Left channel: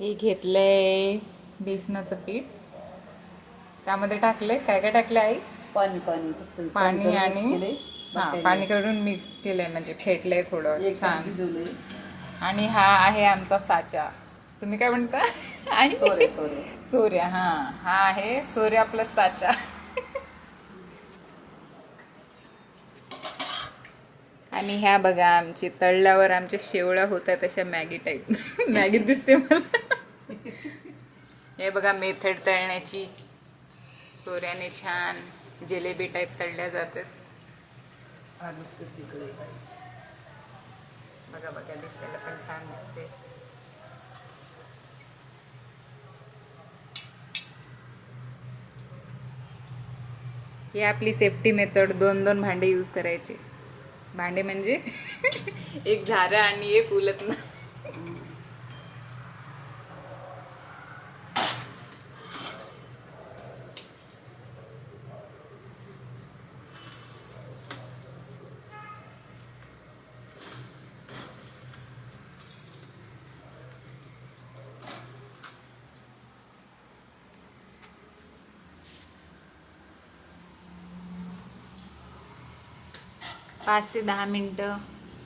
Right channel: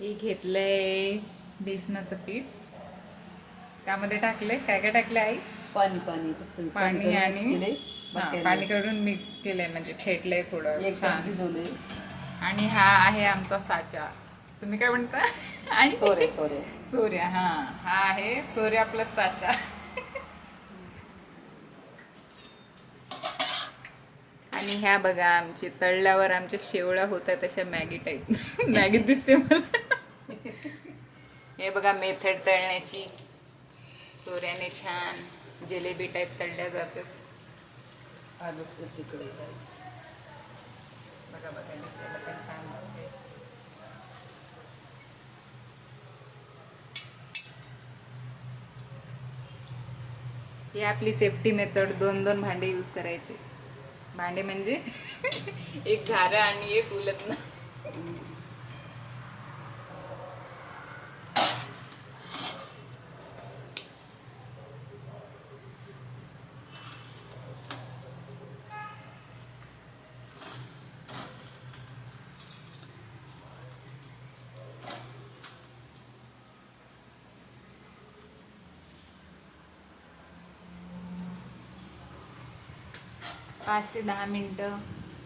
हे घेतलंय बेसनाचं पीठ, त्यामध्ये टाकलंय काय काय टाकलंय आई? पाणी पाणी फक्त पाणी आणि केले पाणी करून मिक्स केलंय, म्हणजे फेटलंय थोडं एक तास छान. भिजवलंय. आणि हा आहे आमचा साचा. तुम्ही काय म्हणता? आणि सोरे सोऱ्या. हा आहे सोऱ्या प्लस साचा. आणि ह्या बघा आमची तळल्यावर आमच्या शेवळ्या होत आहेत तशा मॅगी टाईप. मॅगी दिसते मला. हे बघा मेथड तळण्याची. सोऱ्याने छान जिलेबी टाईप तळल्या जातात. तिकडे बघा बघा दिसायला पण छान दिसते. ही आपली सेफ्टी मेथड. 2-2 भांडे यूज करायचे. भांडे म्हणजे एक झारा आणि एक उलट ना. पाच ते 10 मिनिटं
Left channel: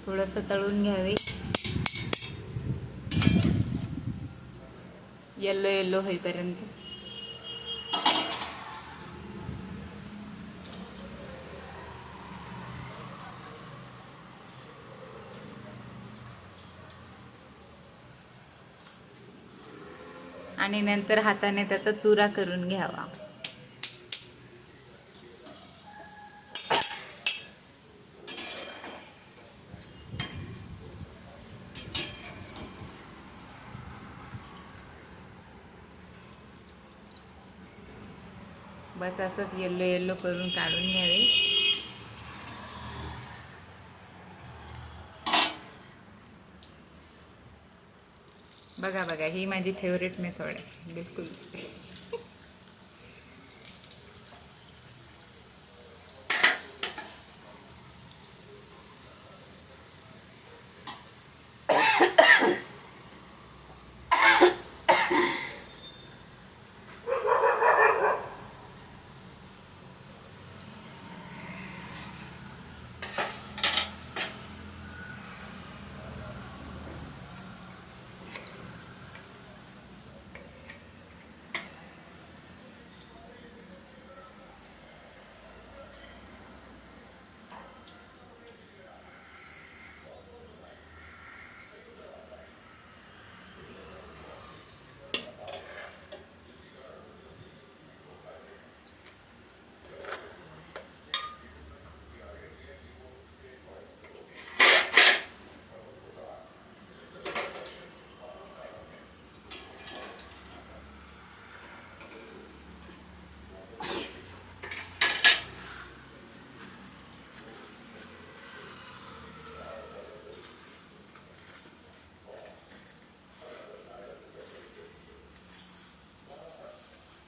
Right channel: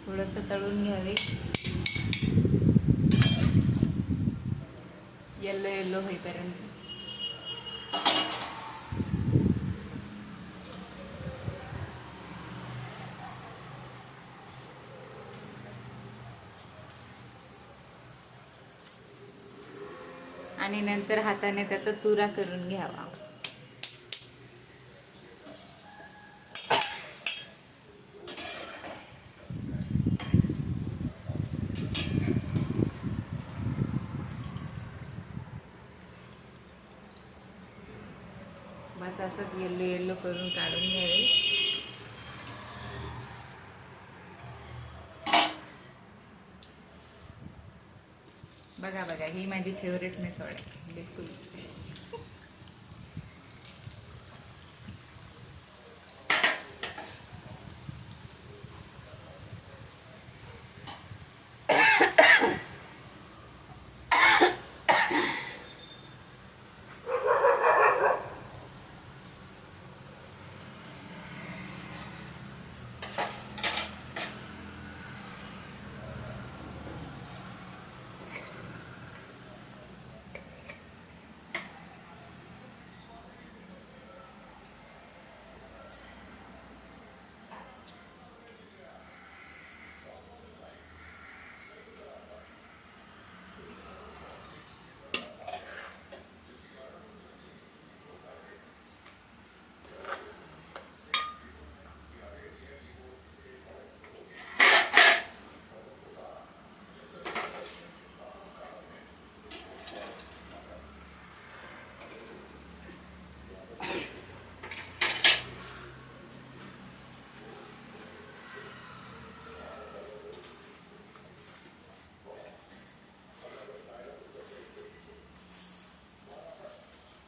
थोडंसं तळून घ्यावे. येलो येलो होईपर्यंत. आणि नंतर हाताने त्याचा चुरा करून घ्यावा. बस असंच येल्लो येल्लो करून काढून घ्यावे. बघा बघा ही माझी फेवरेट मेथड आहे बिलकुल.